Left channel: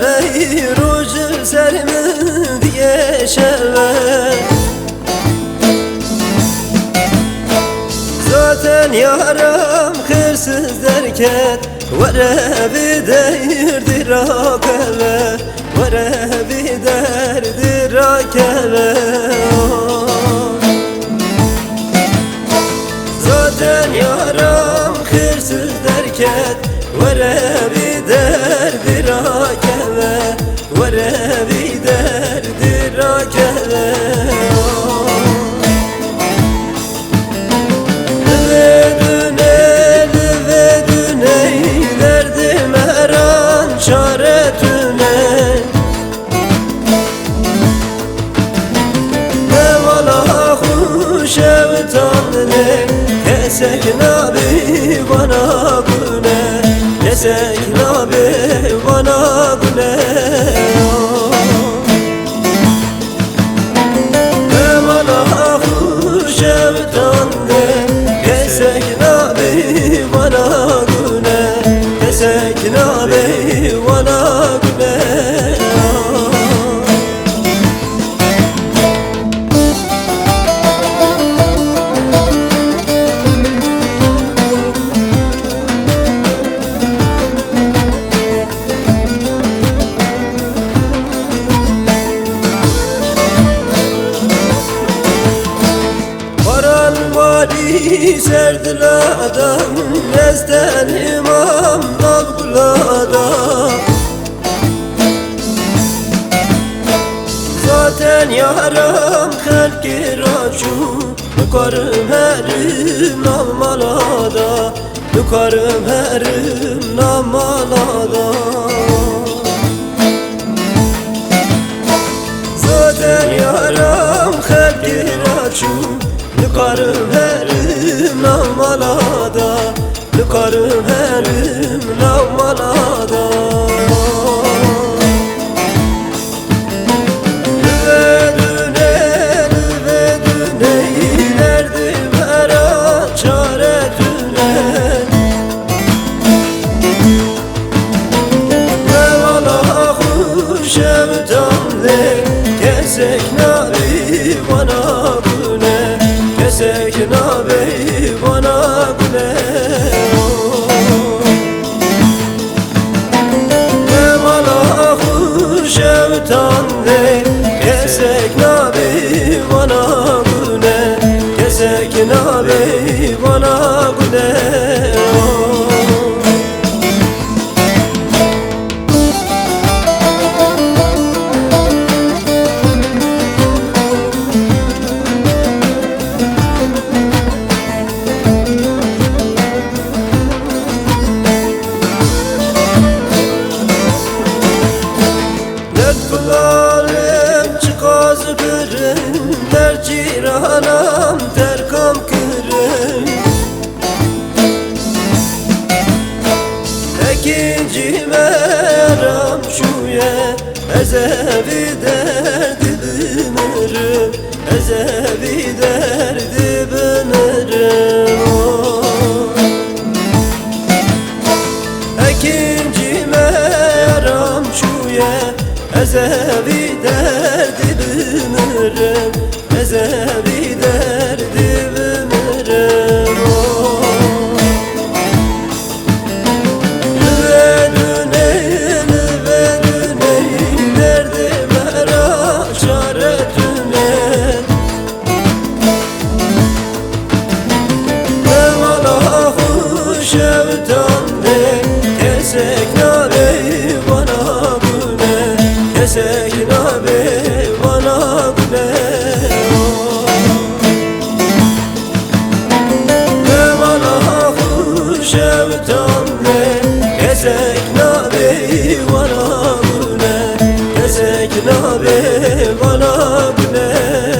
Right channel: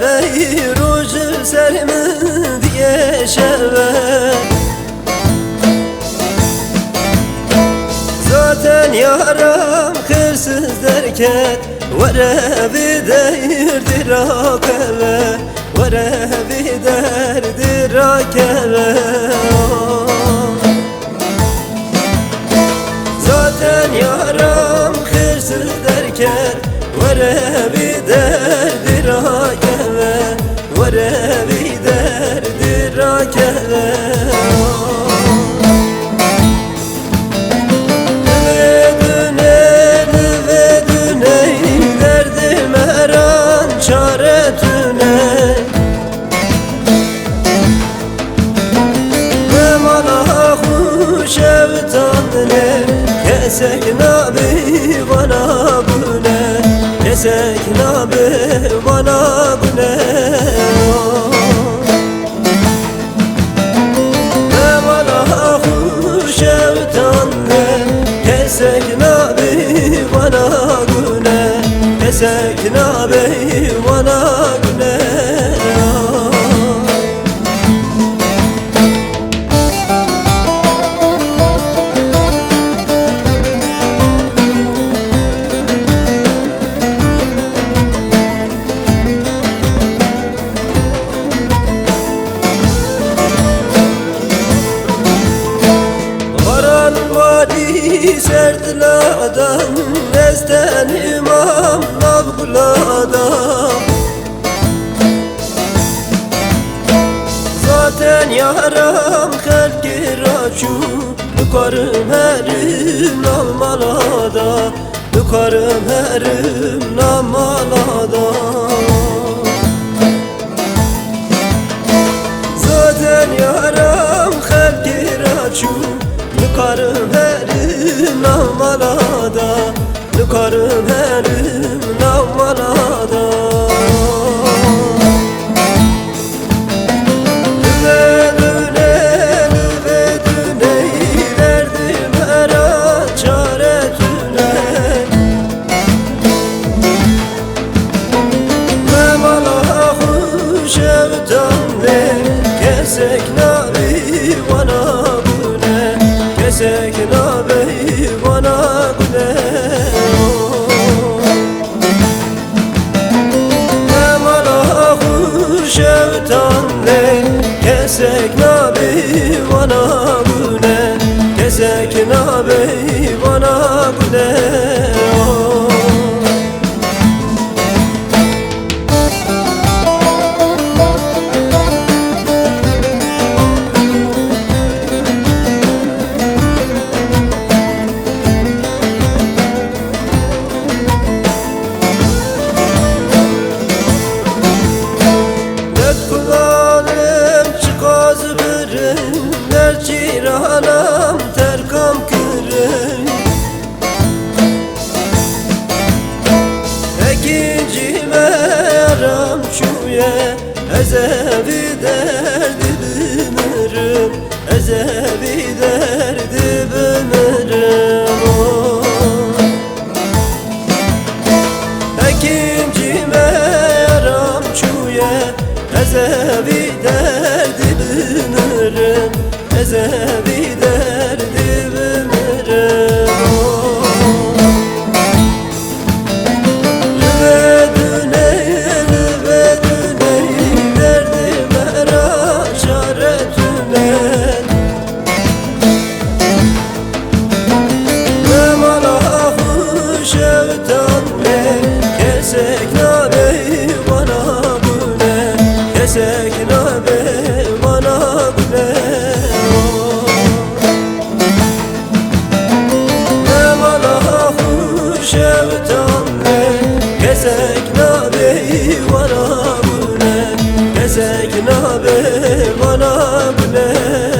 وی روز سرم دیگه شوه Zaten yaram hırsız derken Vere bir derdi rakebe Vere bir derdi rakebe Zaten yaram hırsız derken Vere bir derdi rakebe Vere bir derdi rakebe çare tüne Ne mala hoş evtanne Kesek nabi bana güne Kesek nabi bana güne Ne mala hoş evtanne Kesek nabi bana güne Kesek nabi bana güne Paran vadi serdiladan Nezden imam navguladan Zaten yaram halki raçu Yukarım herim namalada Yukarım herim namalada Zaten yaram halki raçu Lukarım herim namalada Lukarım herim namalada Lüve düne derdim her çare tüne Mevla hoş evtanne Kesek nabi bana güne Kesek nabi bana güne Mevla hoş evtanne Kesek nabi bana güne Kesek nabi bana güne Der ciranam terkam kırın Ekinci meram şuye Ezevi derdi bümürüm Ezevi derdi bümürüm Ekinci meram şuye Ezevi derdi bümürüm Ezevi derdi bümürüm Lüve düne derdim her çare tüne Ne mala hoş evtanne Kesek nabi bana güne Kesek nabi bana güne Ne mala hoş evtanne Kesek nabi bana güne Kesek nabi bana güne